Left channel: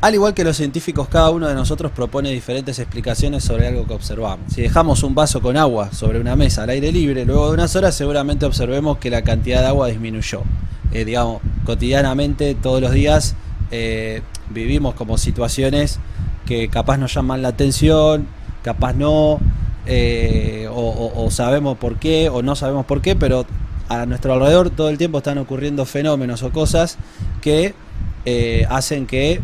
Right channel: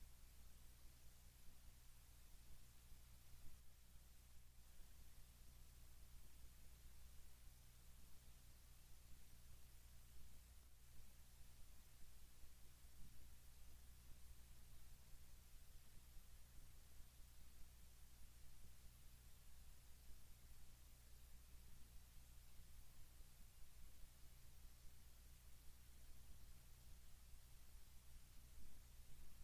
Al igual que los científicos, cada uno de nosotros propone diferentes explicaciones sobre algo que observamos. Si dejamos un vaso con agua sobre una mesa al aire libre, luego de unas horas seguramente observemos que la cantidad de agua disminuyó. Digamos, cotidianamente, todos los días, vivimos como situaciones que capaz nos llaman la atención, capaz no, o sabemos por qué, o no sabemos por qué, pero a nuestro alrededor todo el tiempo están ocurriendo fenómenos o cosas que hacen que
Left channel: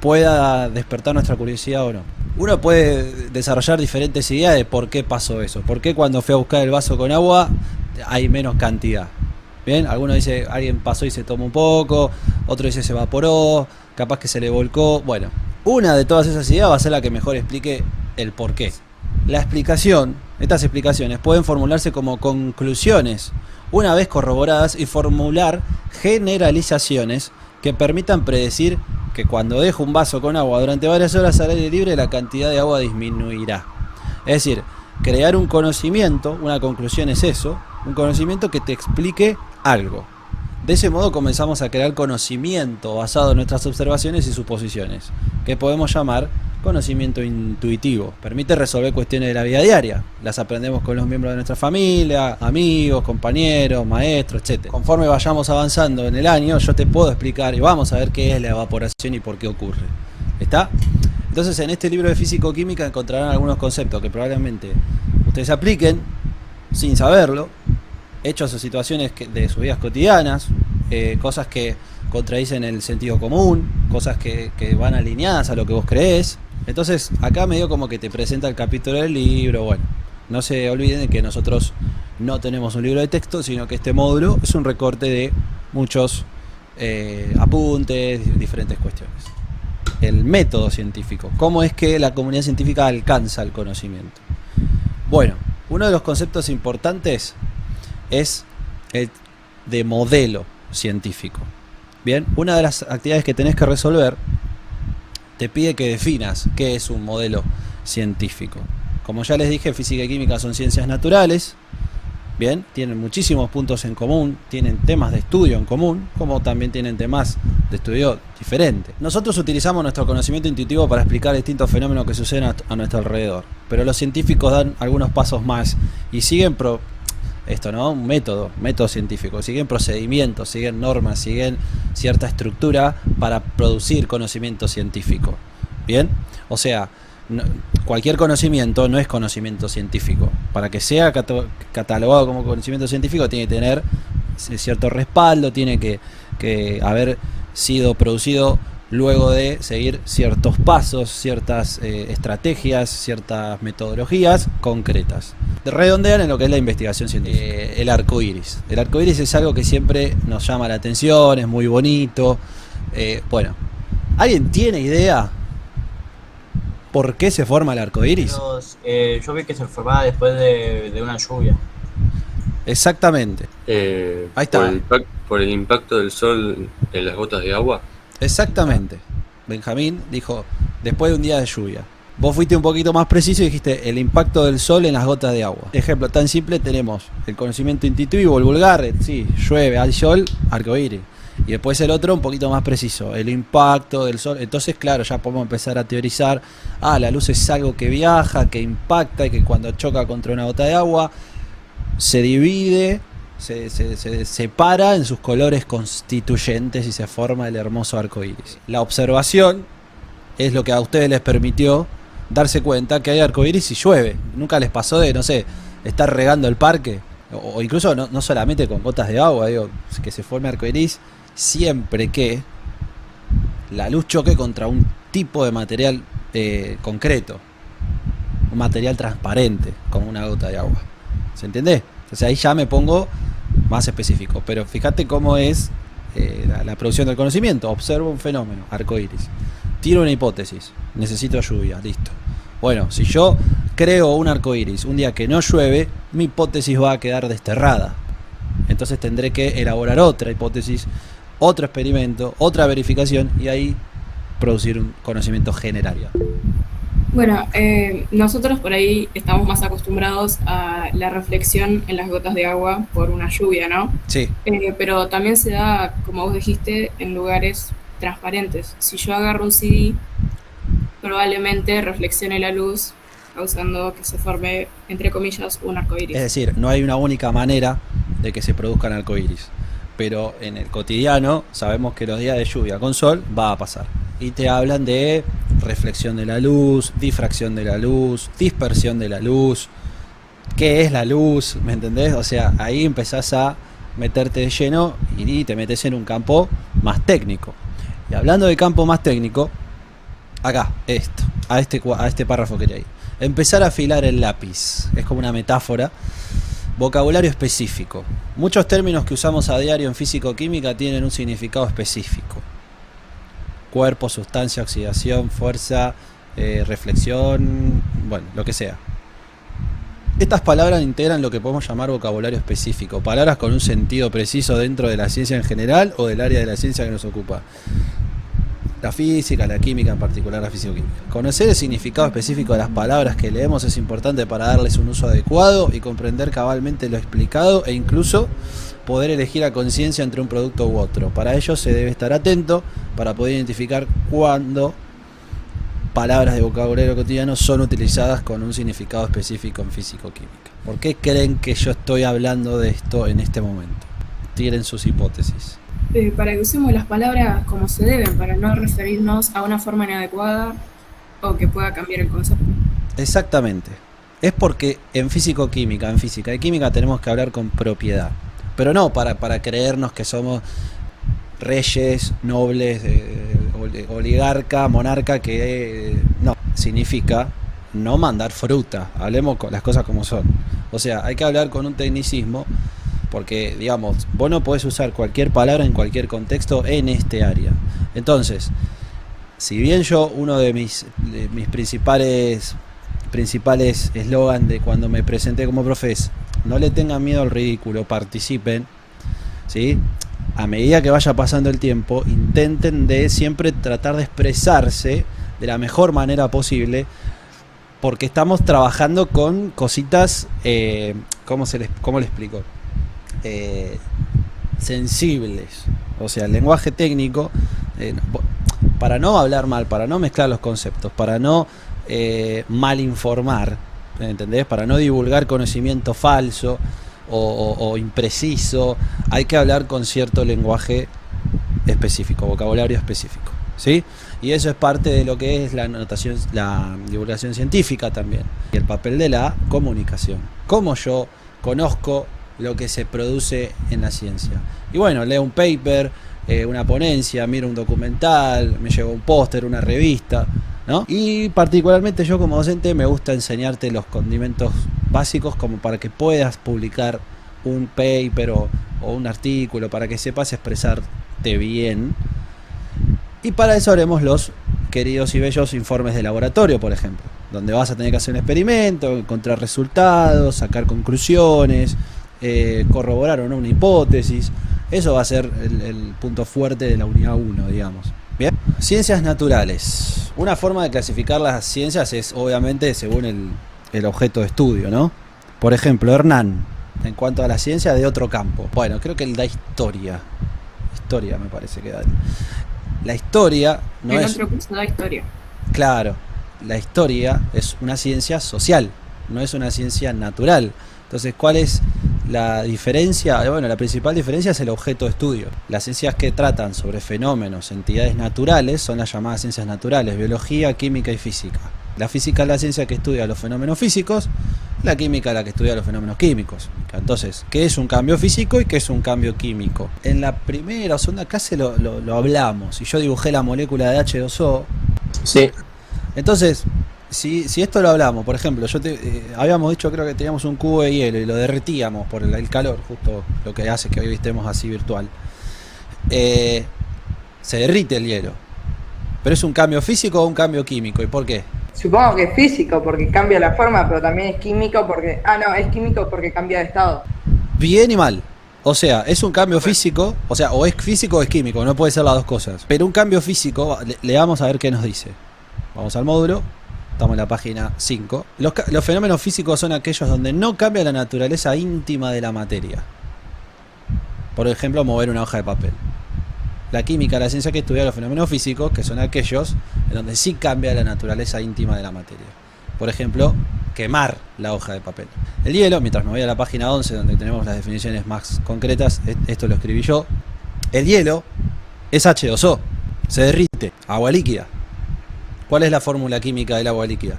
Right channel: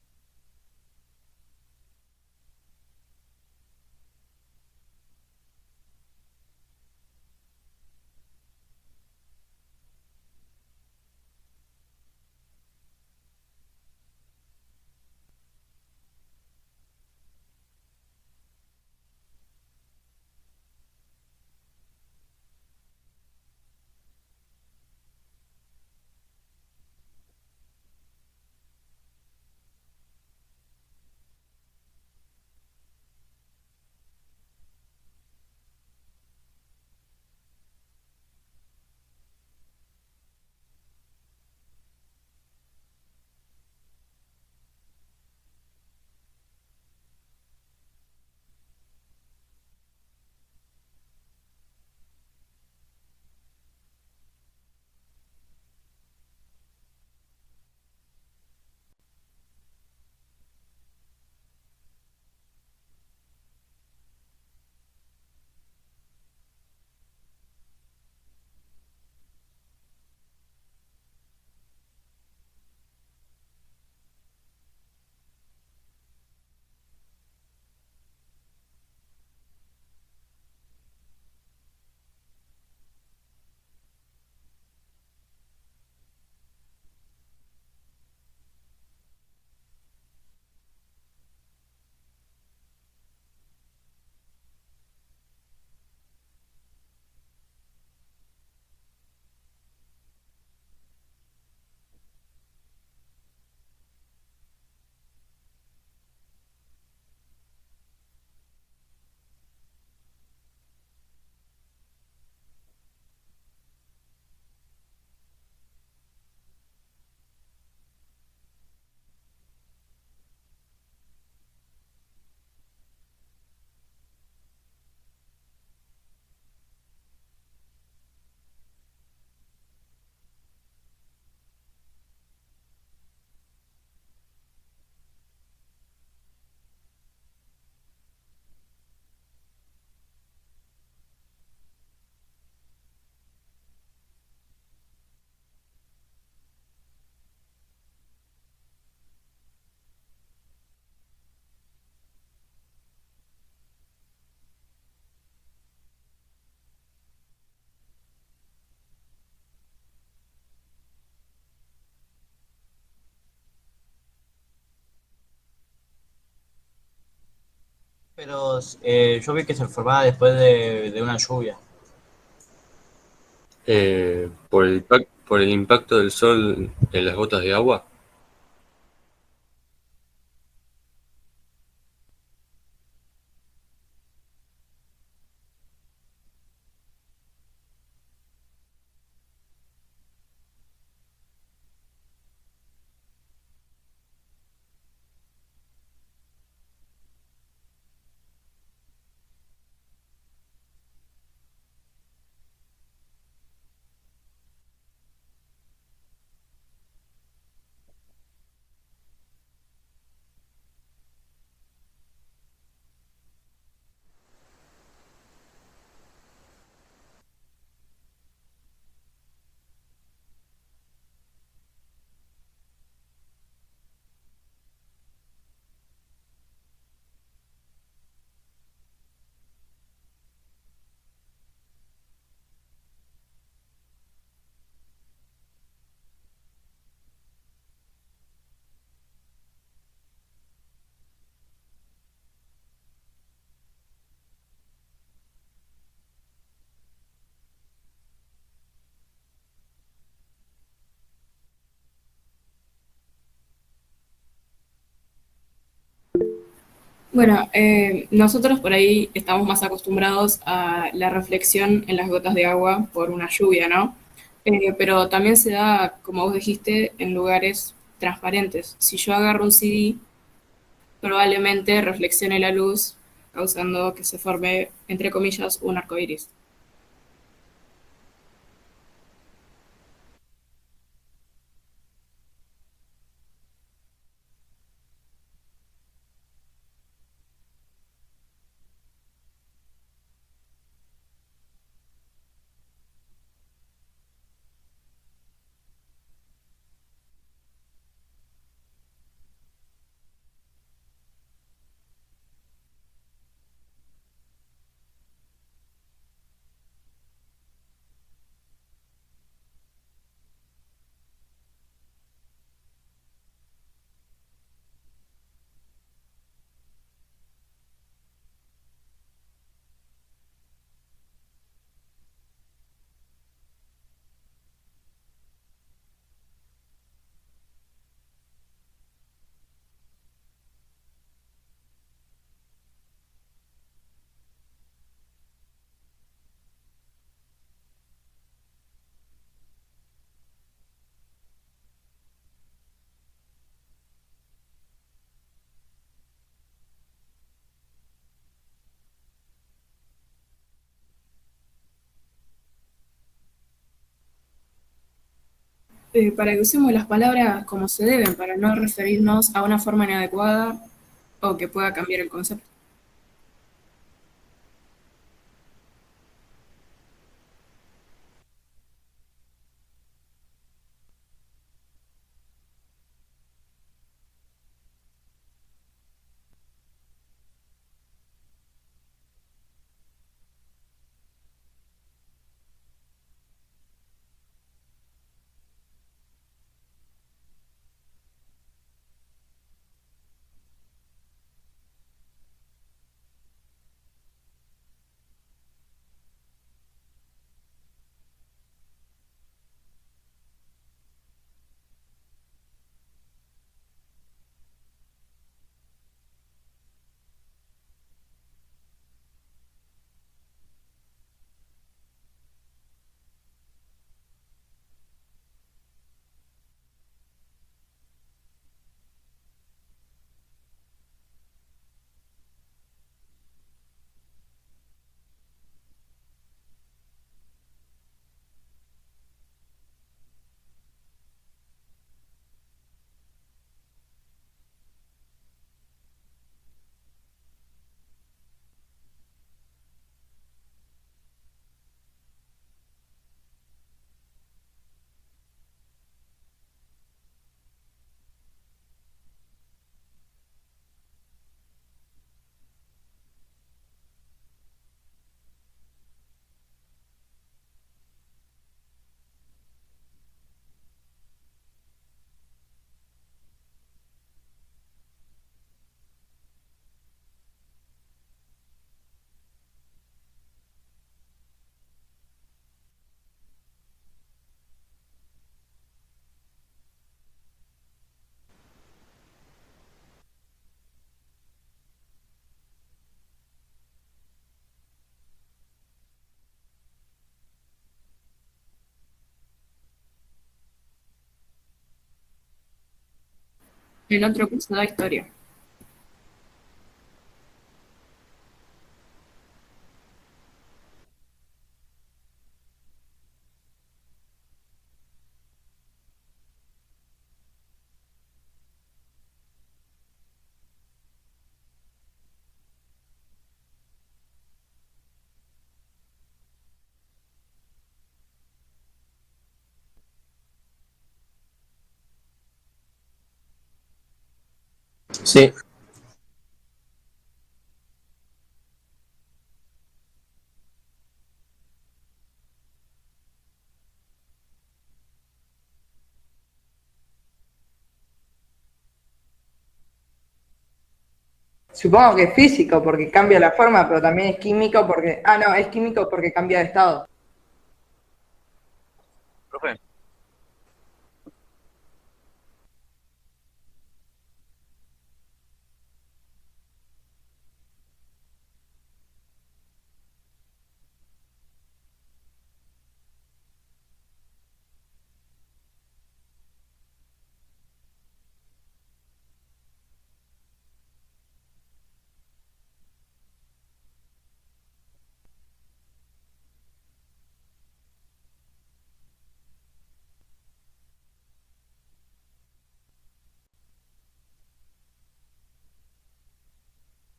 pueda despertar nuestra curiosidad o no. Uno puede desarrollar diferentes ideas de por qué pasó eso. ¿Por qué cuando fui a buscar el vaso con agua hay menos cantidad? Bien, alguno dice alguien pasó y se tomó un poco, otro dice se evaporó, capaz que se le volcó. Bueno, una de todas esas ideas va a ser la que mejor explique el por qué. La explicación, estas explicaciones pueden formularse como conclusiones una vez corroboradas y formular generalizaciones que permitan predecir que cuando dejo un vaso con agua durante varias horas al aire libre la cantidad de agua disminuirá. Es decir, crear un conocimiento, una conclusión es eso, un conocimiento que te explique algo. De ese modo comenzamos a crear conocimiento basado en nuestras observaciones y suposiciones, que podemos llamar conocimiento intuitivo. Permite resolver cuestiones de la vida diaria. Las aprendemos con los miembros de nuestra familia, amigos, compañeros, maestros, etc. Conforme vayamos avanzando en el año, yo te puedo explicar y vamos a ver qué es la evaporación y por qué ocurre. ¿Está? Entonces, en este libro de físico-química encontrarán algunos conceptos que probablemente ustedes apliquen sin saberlo, hechos o situaciones de sus vidas cotidianas, cosas que contradicen el sentido común, cosas que van alineadas a lo que vos creés. Entonces acá medio como que te presenta el capítulo del libro. Bueno, no se olviden de que nosotros no tenemos un libro de texto, sino que este módulo es un recorte de muchos apuntes, diferentes cuestiones. El método científico, cómo es que la comunidad científica alcanza el conocimiento. Bueno, uno de los conceptos importantes es el de modelo científico. Bien, una de las actividades que tenés que resolver te pide que definas qué es un modelo científico. Como ya les dije, física y química son ciencias naturales. Bien, tienen muchísimos puntos en común, tienen temas de estudio en común, como también tienen temas de estudio diferentes. Nosotros utilizamos nuestro conocimiento intuitivo para explicar distintos fenómenos que suceden a nuestro alrededor, pero los científicos dan algunos pasos más y siguen un método científico, siguen procedimientos, siguen normas, siguen cierta estructura para producir conocimiento científico. Bien, o sea, cualquier conocimiento no es conocimiento científico. Para que sea catalogado como conocimiento científico tiene que tener cierto respaldo, tiene que haber sido producido luego de seguir ciertos pasos, ciertas estrategias, ciertas metodologías concretas. Redondean en lo que es la investigación científica. El arco iris. El arco iris es algo que siempre nos llama la atención, es muy bonito. Bueno, ¿alguien tiene idea por qué se forma el arco iris? Yo vi que se formaba después de una lluvia. Exactamente. Ahí está. Por el impacto del sol en las gotas de agua. Exactamente. Benjamín dijo, después de un día de lluvia. Vos fuiste un poquito más preciso y dijiste el impacto del sol en las gotas de agua. Ejemplo tan simple, tenemos el conocimiento intuitivo, el vulgar, sí, llueve, hay sol, arcoíris. Y después el otro un poquito más preciso, el impacto del sol. Entonces, claro, ya podemos empezar a teorizar, la luz es algo que viaja, que impacta y que cuando choca contra una gota de agua se divide, se separa en sus colores constituyentes y se forma el hermoso arco iris. La observación es lo que a ustedes les permitió darse cuenta que hay arco iris y llueve. Nunca les pasó de, no sé, estar regando el parque, o incluso no solamente con gotas de agua, digo, que se forme arco iris siempre que la luz choque contra un tipo de material concreto, un material transparente, como una gota de agua. ¿Se entiende? Entonces ahí ya me pongo más específico, pero fíjate cómo es la producción del conocimiento. Observo un fenómeno, arco iris, tiro una hipótesis, necesito lluvia, listo. Bueno, si yo creo un arco iris un día que no llueve, mi hipótesis va a quedar desterrada. Entonces tendré que elaborar otra hipótesis, otro experimento, otra verificación y ahí producir un conocimiento general. Bueno, nosotros por ahí estamos más acostumbrados a la reflexión en las gotas de agua por una lluvia, ¿no? Sí, Pero también se da, como vos dijiste, en lugares transparentes. Si yo agarro un CD, probablemente reflexione la luz, causando que se forme, entre comillas, un arco es iris. decir, no hay una única manera de que se produzcan arcoíris. Pero en el cotidiano sabemos que los días de lluvia con sol va a pasar. Y te hablan de reflexión de la luz, difracción de la luz, dispersión de la luz, qué es la luz, ¿me entendés? O sea, ahí empezás a meterte de lleno y te metes en un campo más técnico. Y hablando de campo más técnico, acá, a este párrafo que leí. Empezar a afilar el lápiz. Es como una metáfora. Vocabulario específico. Muchos términos que usamos a diario en físico-química tienen un significado específico. Cuerpo, sustancia, oxidación, fuerza, reflexión, bueno, lo que sea. Estas palabras integran lo que podemos llamar vocabulario específico, palabras con un sentido preciso dentro de la ciencia en general o del área de la ciencia que nos ocupa. La física, la química, en particular la físico-química. Conocer el significado específico de las palabras que leemos es importante para darles un uso adecuado y comprender cabalmente lo explicado e incluso poder elegir a conciencia entre un producto u otro. Para ello se debe estar atento para poder identificar cuándo palabras de vocabulario cotidiano son utilizadas con un significado específico en físico-química. ¿Por qué creen que yo estoy hablando de esto en este momento? Tiren sus hipótesis. Para que usemos las palabras como se deben, para no referirnos a una forma inadecuada o que pueda cambiar el concepto. Exactamente. Es porque en físico-química, en física y química tenemos que hablar con propiedad. Pero no para creernos que somos reyes, nobles, oligarca, monarca, que no, significa no mandar fruta. Hablemos con las cosas como son. O sea, hay que hablar con un tecnicismo porque, digamos, vos no podés usar cualquier palabra en cualquier contexto en este área. Entonces, si bien yo, uno de mis principales eslogan de cuando me presenté como profe es: no le tengan miedo al ridículo, participen, ¿sí? A medida que vaya pasando el tiempo, intenten de siempre tratar de expresarse de la mejor manera posible, porque estamos trabajando con cositas, ¿cómo le explico? Sensibles. O sea, el lenguaje técnico, para no hablar mal, para no mezclar los conceptos, para no mal informar, ¿entendés? Para no divulgar conocimiento falso o impreciso, hay que hablar con cierto lenguaje específico, vocabulario específico, ¿sí? Y eso es parte de lo que es la anotación, la divulgación científica también, y el papel de la comunicación. Cómo yo conozco lo que se produce en la ciencia. Y bueno, leo un paper, una ponencia, miro un documental, me llevo un póster, una revista, ¿no? Y particularmente yo como docente me gusta enseñarte los condimentos básicos como para que puedas publicar un paper o un artículo, para que sepas expresarte bien. Y para eso haremos los queridos y bellos informes de laboratorio, por ejemplo, donde vas a tener que hacer un experimento, encontrar resultados, sacar conclusiones, corroborar o no una hipótesis. Eso va a ser el punto fuerte de la unidad 1, digamos. Bien. Ciencias naturales. Una forma de clasificar las ciencias es obviamente según el objeto de estudio, ¿no? Por ejemplo, Hernán, en cuanto a la ciencia de otro campo. Bueno, creo que él da historia. Historia me parece que da. La historia no El es... otro curso da historia. Claro, la historia es una ciencia social, no es una ciencia natural. Entonces, ¿cuál es la diferencia? Bueno, la principal diferencia es el objeto de estudio. Las ciencias que tratan sobre fenómenos, entidades naturales, son las llamadas ciencias naturales: biología, química y física. La física es la ciencia que estudia los fenómenos físicos, la química es la que estudia los fenómenos químicos. Entonces, ¿qué es un cambio físico y qué es un cambio químico? En la primera o segunda clase lo hablamos, y yo dibujé la molécula de H2O. Sí. Entonces, si esto lo hablamos, por ejemplo, habíamos dicho, creo que teníamos un cubo de hielo y lo derretíamos por el calor, justo lo que hace que hoy estemos así virtual. Se derrite el hielo. ¿Pero es un cambio físico o un cambio químico? ¿Y por qué? Supongo que es físico porque cambia la forma, pero también es químico porque... Ah, no, es químico porque cambia de estado. Bien y mal. O sea, es un cambio físico, o sea, o es físico o es químico, no puede ser las dos cosas. Pero un cambio físico, le vamos a ver qué nos dice. Vamos al módulo, Estamos en la página 5. Los fenómenos físicos son aquellos donde no cambia la naturaleza íntima de la materia. Por ejemplo, mover una hoja de papel. La química, la ciencia que estudia los fenómenos físicos, que son aquellos en donde sí cambia la naturaleza íntima de la materia. Por ejemplo, quemar la hoja de papel. El hielo, mientras me voy a la página 11, donde tenemos las definiciones más concretas, esto lo escribí yo. El hielo es H2O, se derrite, agua líquida. ¿Cuál es la fórmula química del agua líquida?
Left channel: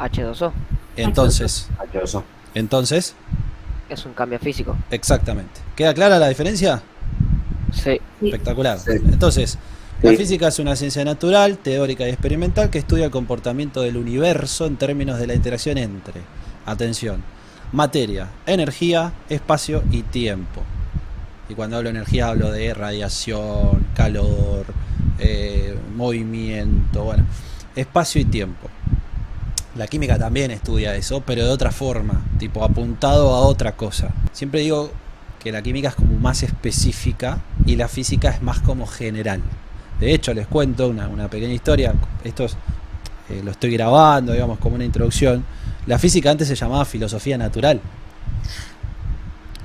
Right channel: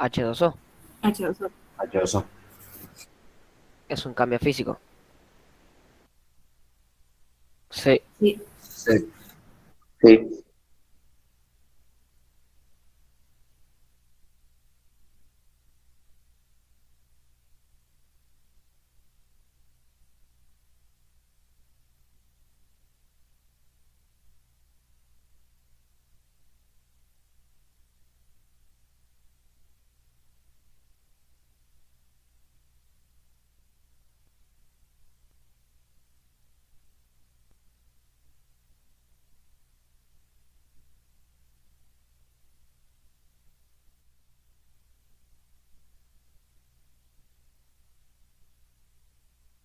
H2O. Entonces, Es un cambio físico. exactamente. ¿Queda clara la diferencia? Sí. Sí. Espectacular. Sí. Entonces, la física es una ciencia natural, teórica y experimental que estudia el comportamiento del universo en términos de la interacción entre, atención, materia, energía, espacio y tiempo. Y cuando hablo de energía hablo de radiación, calor, movimiento, bueno, espacio y tiempo. La química también estudia eso, pero de otra forma, tipo apuntado a otra cosa. Siempre digo que la química es como más específica y la física es más como general. De hecho, les cuento una pequeña historia. Esto lo estoy grabando, digamos, como una introducción. La física antes se llamaba filosofía natural.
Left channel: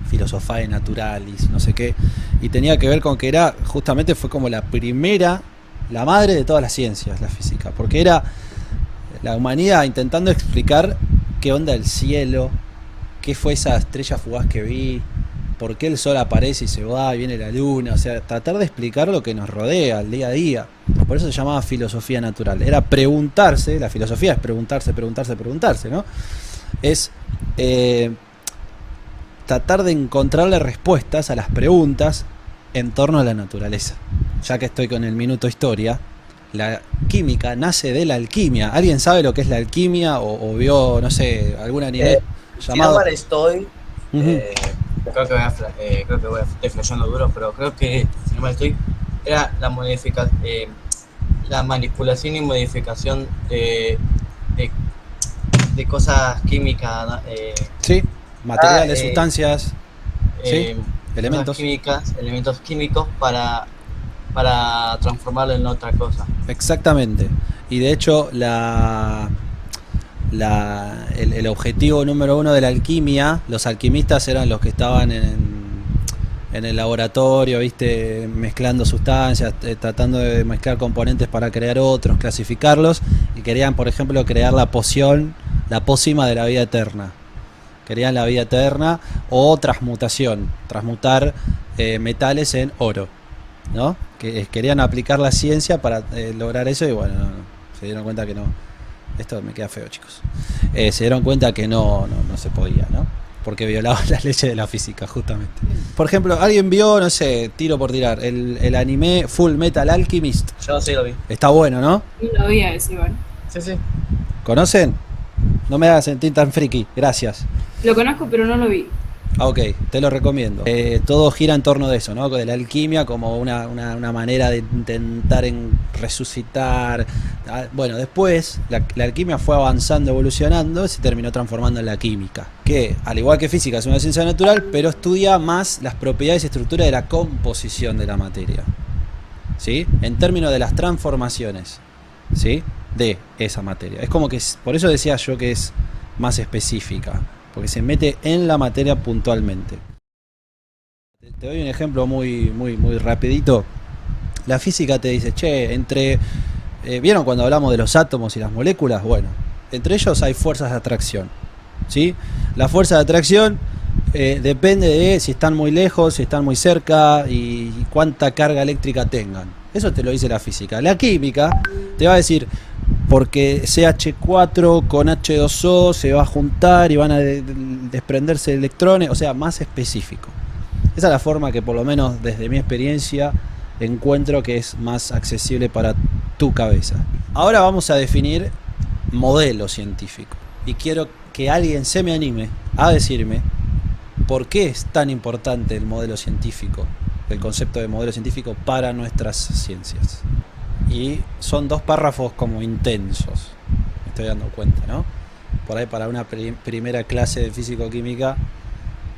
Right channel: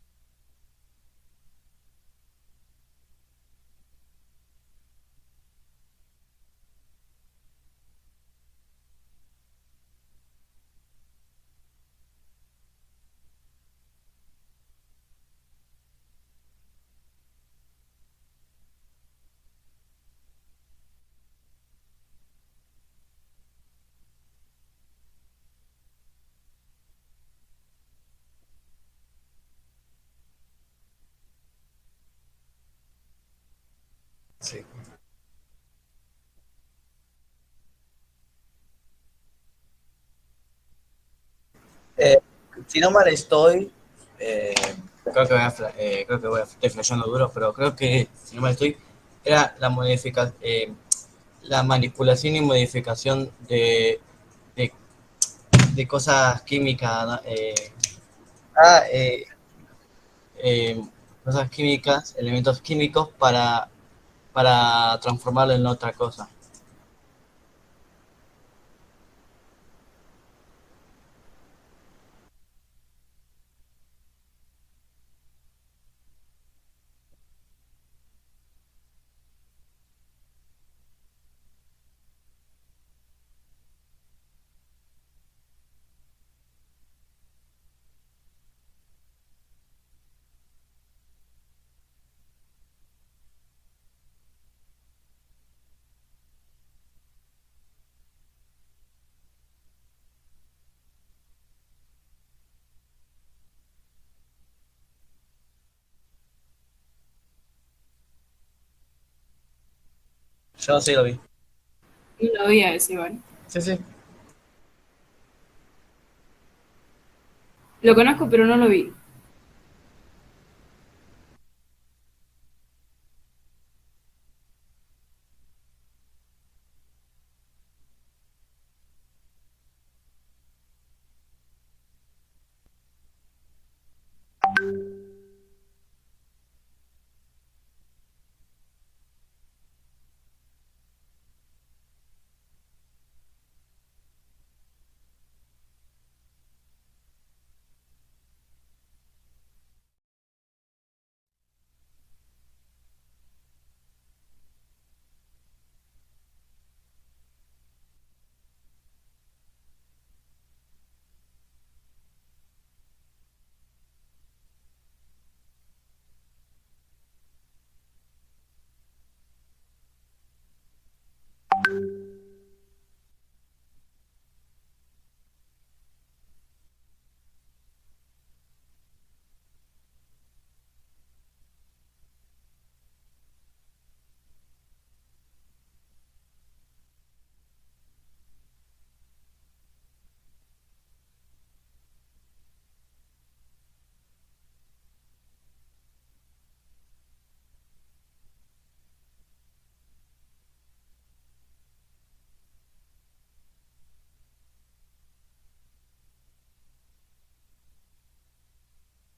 Filosofae naturalis, no sé qué. Y tenía que ver con que era, justamente fue como la primera, la madre de todas las ciencias, la física. Porque era la humanidad intentando explicar qué onda el cielo, qué fue esa estrella fugaz que vi, por qué el sol aparece y se va y viene la luna, o sea, tratar de explicar lo que nos rodea el día a día. Por eso se llamaba filosofía natural. Era preguntarse, la filosofía es preguntarse, ¿no? Es tratar de encontrarle respuestas a las preguntas en torno a la naturaleza. Ya que estoy con el minuto historia, la química nace de la alquimia. ¿Alguien sabe lo que es la alquimia o vio, no sé, algún anime Si no mal estoy, Ujú. creo que estoy flasheando duro, pero creo que, si no mal estoy, era la manipulación y modificación de cosas químicas, ¿no? Sí, materiales, Ah, sustancias, elementos. elementos químicos para transformarlo en otra cosa. Exactamente. Y de hecho, el objetivo número uno de la alquimia, los alquimistas eran los que estaban en el laboratorio, ¿viste? Mezclando sustancias, tratando de mezclar componentes para crear otros, clasificarlos, y querían, por ejemplo, crear la poción, la pócima de la vida eterna. Querían la vida eterna o transmutación, transmutar metales en oro, ¿no? Que querían aplicar la ciencia para lograr eso y bueno, se dieron cuenta que no. Esto me queda feo, chicos. Se dieron cuenta que no se podía, ¿no? Porque violaban las leyes de la física, justamente. Por ejemplo, ¿alguien vio, no sé, tiro por tirar, el anime Full Metal Alchemist? Yo sí lo vi. Está bueno, ¿no? No lo vi a ese, igual. Sí. ¿Conocen? No me hagan sentir tan friki, gracias. Lo conozco, pero no lo vi. Ah, ok, te lo recomiendo. Todo gira en torno de eso, ¿no? De la alquimia como una manera de intentar resucitar. Bueno, después la alquimia fue avanzando, evolucionando, y se terminó transformando en la química. Que, al igual que física, es una ciencia natural, pero estudia más las propiedades y estructuras de la composición de la materia. ¿Sí? En términos de las transformaciones, ¿sí? De esa materia. Es como que, por eso decía yo que es más específica. Porque se mete en la materia puntualmente. Te doy un ejemplo muy rapidito. La física te dice, che, ¿vieron cuando hablamos de los átomos y las moléculas? Bueno, entre ellos hay fuerzas de atracción, ¿sí? La fuerza de atracción depende de si están muy lejos, si están muy cerca y cuánta carga eléctrica tengan. Eso te lo dice la física. La química te va a decir, porque CH4 con H2O se va a juntar y van a desprenderse electrones, o sea, más específico. Esa es la forma que, por lo menos desde mi experiencia, encuentro que es más accesible para tu cabeza. Ahora vamos a definir modelo científico. Y quiero que alguien se me anime a decirme por qué es tan importante el modelo científico, el concepto de modelo científico para nuestras ciencias. Y son 2 párrafos como intensos, me estoy dando cuenta, ¿no? Por ahí para una primera clase de físico-química,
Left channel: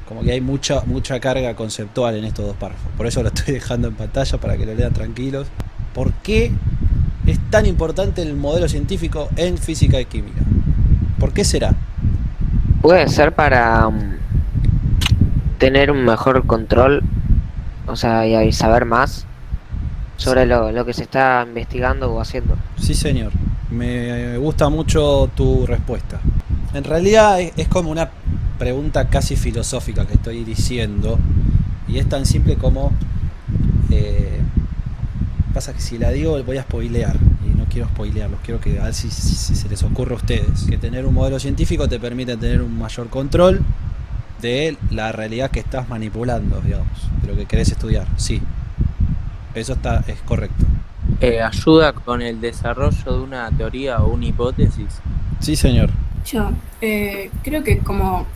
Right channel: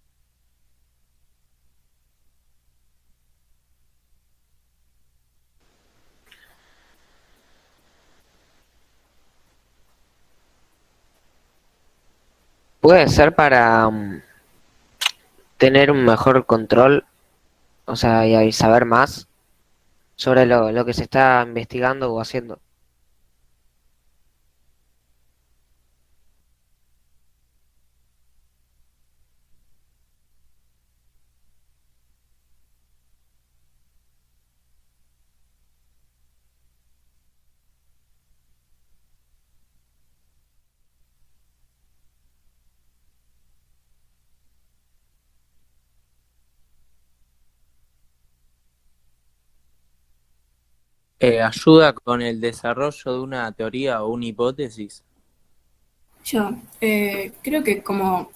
como que hay mucha carga conceptual en estos 2 párrafos. Por eso lo estoy dejando en pantalla para que lo lean tranquilos. ¿Por qué es tan importante el modelo científico en física y química? ¿Por qué será? Puede ser para tener un mejor control, o sea, y saber más sobre lo que se está investigando o haciendo. Sí, señor. Me gusta mucho tu respuesta. En realidad es como una pregunta casi filosófica que estoy diciendo. Y es tan simple como... pasa que si la digo voy a spoilear. Y no quiero spoilearlos. Quiero que a ver si se les ocurre a ustedes. Que tener un modelo científico te permite tener un mayor control de la realidad que estás manipulando, digamos. De lo que querés estudiar. Sí. Eso es correcto. ¿Ayuda con el desarrollo de una teoría o una hipótesis? Sí, señor. Yo creo que como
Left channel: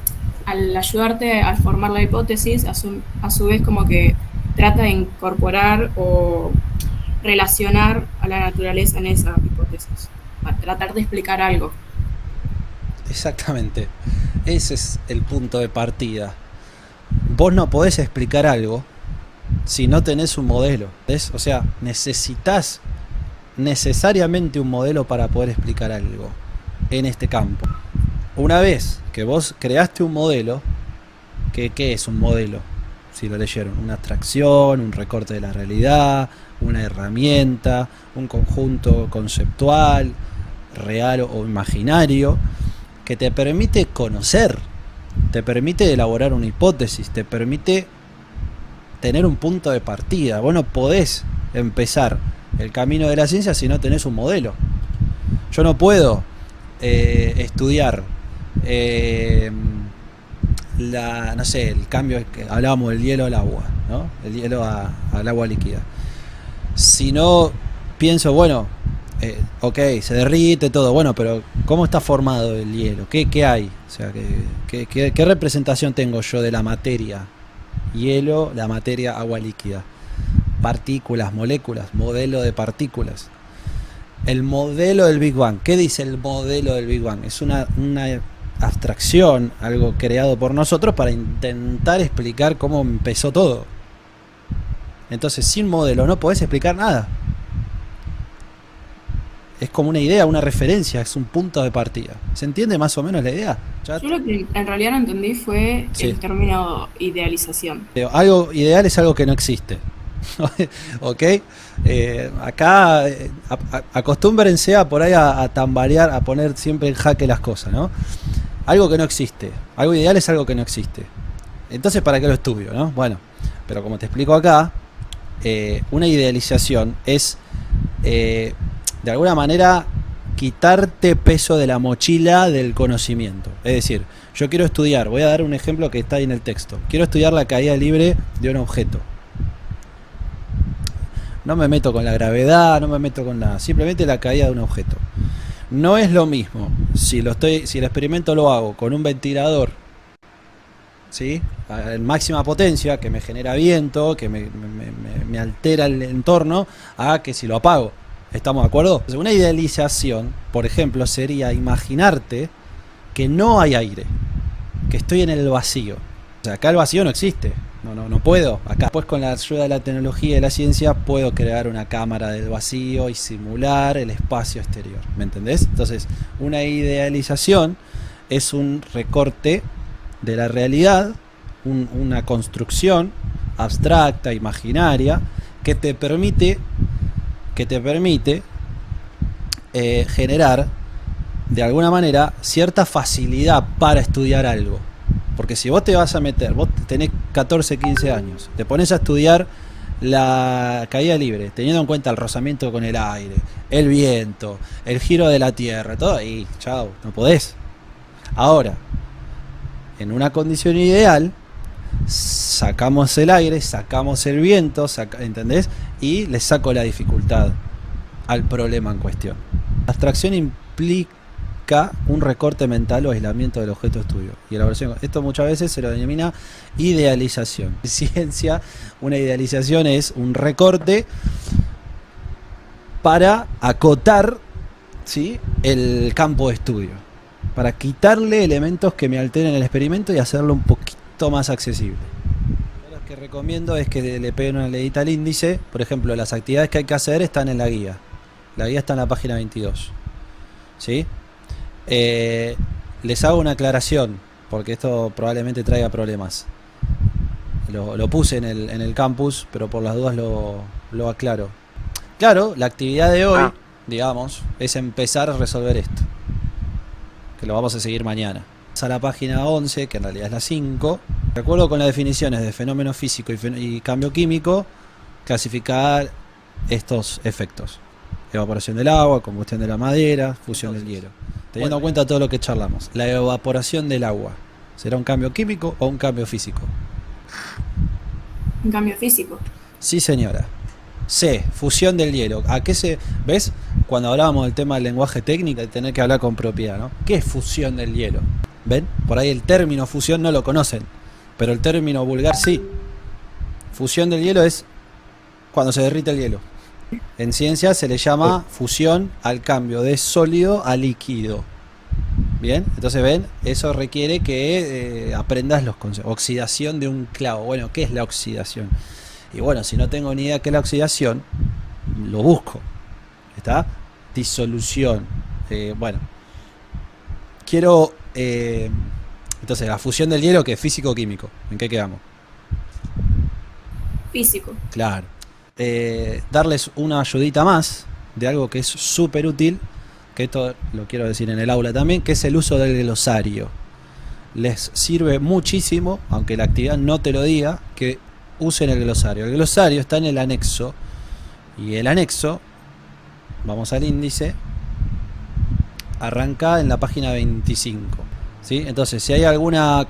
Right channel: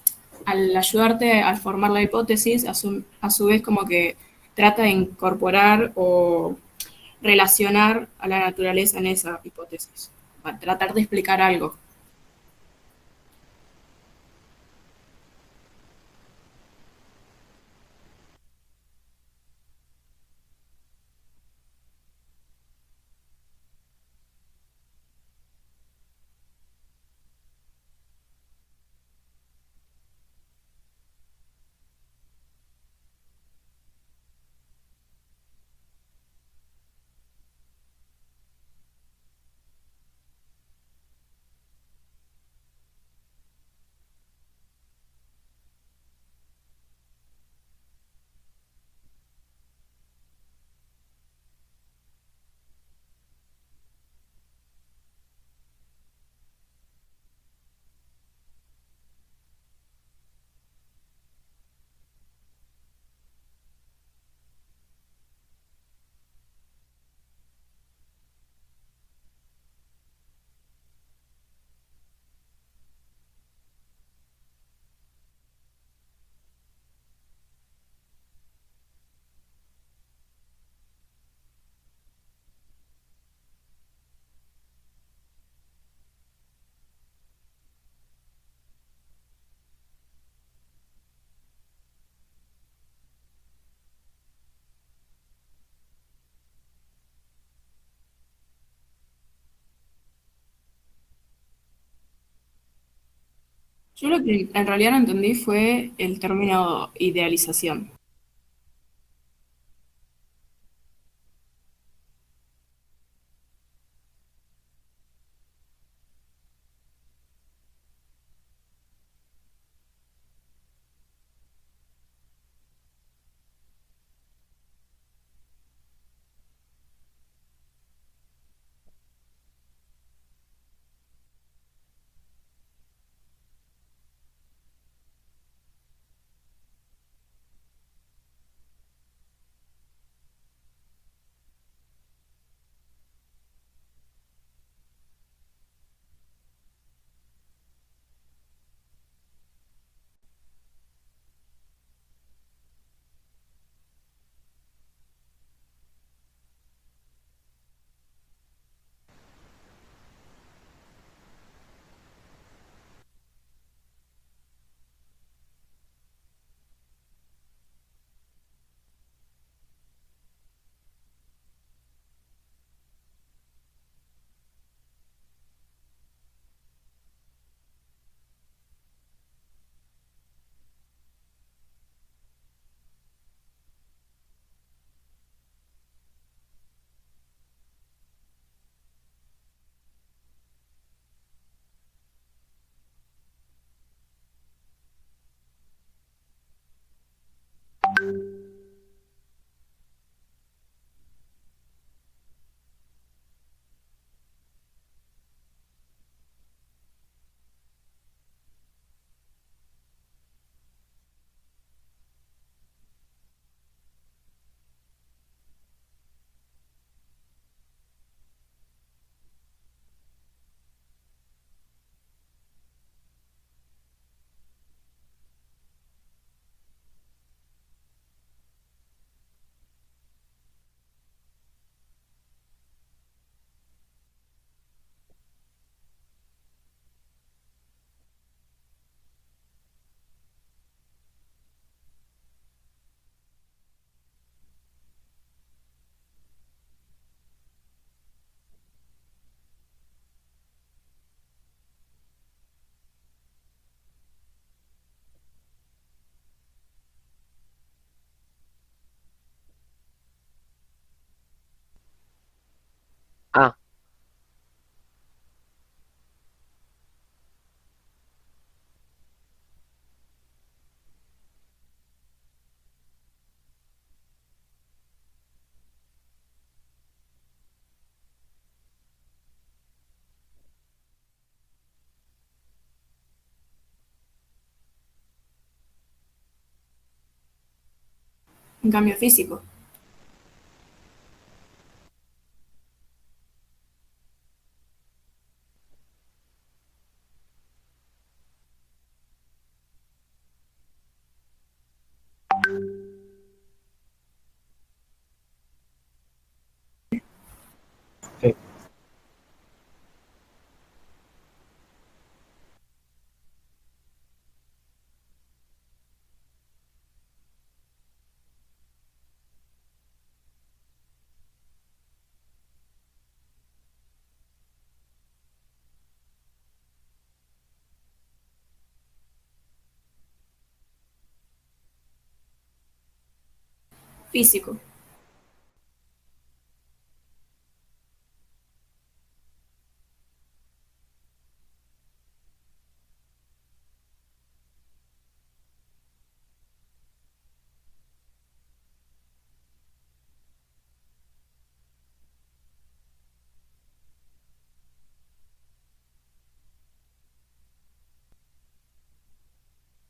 al ayudarte a formar la hipótesis, a su vez como que trata de incorporar o relacionar a la naturaleza en esa hipótesis, para tratar de explicar algo. Exactamente. Ese es el punto de partida. Vos no podés explicar algo si no tenés un modelo. ¿Ves? O sea, necesitas necesariamente un modelo para poder explicar algo en este campo. Una vez que vos creaste un modelo, ¿qué es un modelo? Si lo leyeron, una abstracción, un recorte de la realidad, una herramienta, un conjunto conceptual, real o imaginario, que te permite conocer, te permite elaborar una hipótesis, te permite tener un punto de partida. Vos no podés empezar el camino de la ciencia si no tenés un modelo. Yo no puedo estudiar no sé, el cambio que hablábamos del hielo al agua, ¿no? El hielo al agua líquida. Si no pienso, bueno, ok, se derrite todo, bueno, pero ¿cómo está formado el hielo? ¿Qué hay? O sea, ¿qué representación tengo yo de la materia? Hielo, la materia, agua líquida. Partículas, moléculas, modelo de partículas. El modelo del Big Bang. ¿Qué dice el modelo del Big Bang? Es una abstracción, algo creado por nosotros para intentar explicar cómo empezó todo. Entonces, sin modelo no podés explicar nada. Es como una idea, una referencia, es un punto de partida. ¿Se entiende más o menos la idea? Yo lo que en realidad no entendí fue Sí. el término idealización. Algo ideal es algo que no existe. ¿Ok? Acá acostúmbrense a por ahí a tambalear, a poner siempre en jaque las cosas, ¿no? Algo que no existe. Algo ideal es algo que no existe. Entonces, ¿para qué lo estudio, no? Bueno, pero como te explico acá, una idealización es de alguna manera quitarte peso de la mochila del conocimiento. Es decir, yo quiero estudiar, voy a dar un ejemplo que está ahí en el texto. Quiero estudiar la caída libre de un objeto. No me meto con la gravedad, no me meto con nada, simplemente la caída de un objeto. No es lo mismo si el experimento lo hago con un ventilador, ¿sí? En máxima potencia, que me genera viento, que me altera el entorno, a que si lo apago. ¿Estamos de acuerdo? Una idealización, por ejemplo, sería imaginarte que no hay aire, que estoy en el vacío. O sea, acá el vacío no existe. No puedo. Acá, pues, con la ayuda de la tecnología y de la ciencia, puedo crear una cámara del vacío y simular el espacio exterior. ¿Me entendés? Entonces, una idealización es un recorte de la realidad, una construcción abstracta, imaginaria, que te permite generar de alguna manera cierta facilidad para estudiar algo. Porque si vos te vas a meter, vos tenés 14, 15 años, te pones a estudiar la caída libre, teniendo en cuenta el rozamiento con el aire, el viento, el giro de la Tierra, todo, y chao, no podés. Ahora, en una condición ideal, sacamos el aire, sacamos el viento, ¿entendés? Y le saco la dificultad al problema en cuestión. La abstracción implica un recorte mental o aislamiento del objeto de estudio. Y elaboración. Esto muchas veces se lo denomina idealización. En ciencia, una idealización es un recorte para acotar, ¿sí?, el campo de estudio. Para quitarle elementos que me alteren el experimento y hacerlo un poquito más accesible. Lo que recomiendo es que le peguen una leída al índice. Por ejemplo, las actividades que hay que hacer están en la guía. La guía está en la página 22. ¿Sí? Les hago una aclaración, porque esto probablemente traiga problemas. Lo puse en el campus, pero por las dudas lo aclaro. Claro, la actividad de hoy, digamos, es empezar a resolver esto, que lo vamos a seguir mañana. A la página 11, que en realidad es la 5. De acuerdo con las definiciones de fenómeno físico y cambio químico, clasificar estos efectos: evaporación del agua, combustión de la madera, fusión del hielo. Teniendo en cuenta todo lo que charlamos, la evaporación del agua, ¿será un cambio químico o un cambio físico? Un cambio físico. Sí, señora. C, fusión del hielo. ¿A qué se...? ¿Ves? Cuando hablábamos del tema del lenguaje técnico, de tener que hablar con propiedad, ¿no? ¿Qué es fusión del hielo? ¿Ven? Por ahí el término fusión no lo conocen, pero el término vulgar sí. Fusión del hielo es cuando se derrite el hielo. En ciencia se le llama fusión al cambio de sólido a líquido. Bien, entonces ven, eso requiere que aprendas los conceptos. Oxidación de un clavo. Bueno, ¿qué es la oxidación? Y bueno, si no tengo ni idea qué es la oxidación, lo busco. ¿Está? Disolución. Bueno, quiero... entonces, la fusión del hielo, ¿qué es? Físico o químico. ¿En qué quedamos? Físico. Claro. Darles una ayudita más de algo que es súper útil, que esto lo quiero decir en el aula también, que es el uso del glosario. Les sirve muchísimo, aunque la actividad no te lo diga, que usen el glosario. El glosario está en el anexo, y el anexo, vamos al índice, arranca en la página 25. ¿Sí? Entonces, si hay alguna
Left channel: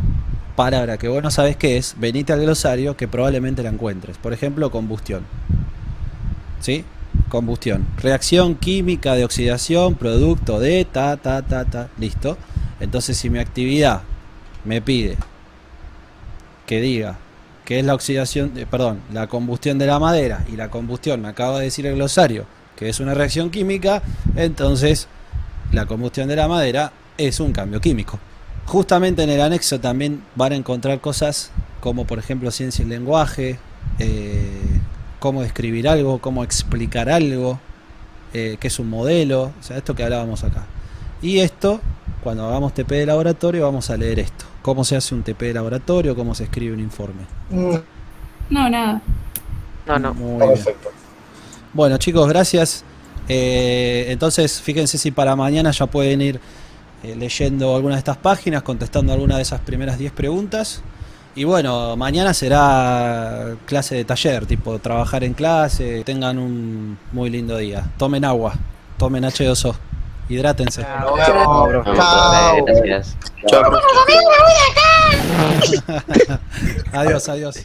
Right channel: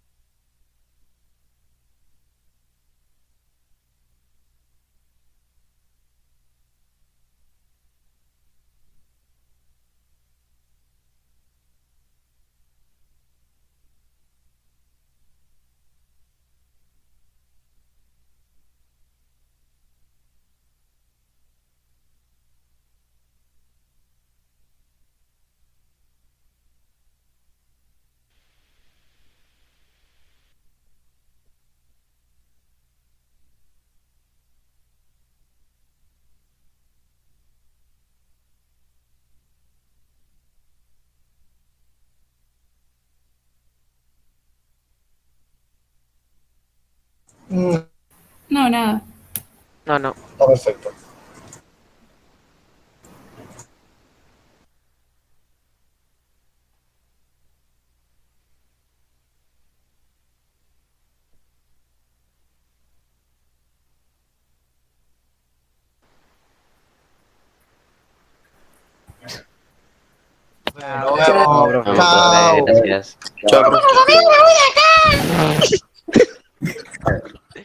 palabra que vos no sabes qué es, venite al glosario que probablemente la encuentres. Por ejemplo, combustión. ¿Sí? Combustión. Reacción química de oxidación, producto de listo. Entonces, si mi actividad me pide que diga que es la oxidación, la combustión de la madera, y la combustión me acaba de decir el glosario que es una reacción química, entonces la combustión de la madera es un cambio químico. Justamente en el anexo también van a encontrar cosas como, por ejemplo, ciencia y lenguaje, cómo describir algo, cómo explicar algo, qué es un modelo, o sea, esto que hablábamos acá. Y esto, cuando hagamos TP de laboratorio, vamos a leer esto. Cómo se hace un TP de laboratorio, cómo se escribe un informe. No, nada. No. Perfecto. Bueno, chicos, gracias. Entonces, fíjense si para mañana ya pueden ir leyendo alguna de estas páginas, contestando alguna de esas primeras 10 preguntas. Y bueno, mañana será clase de taller, tipo trabajar en clase. Tengan un muy lindo día. Tomen agua, tomen H2O, hidrátense. Chao. Gracias. Chao. Adiós, adiós.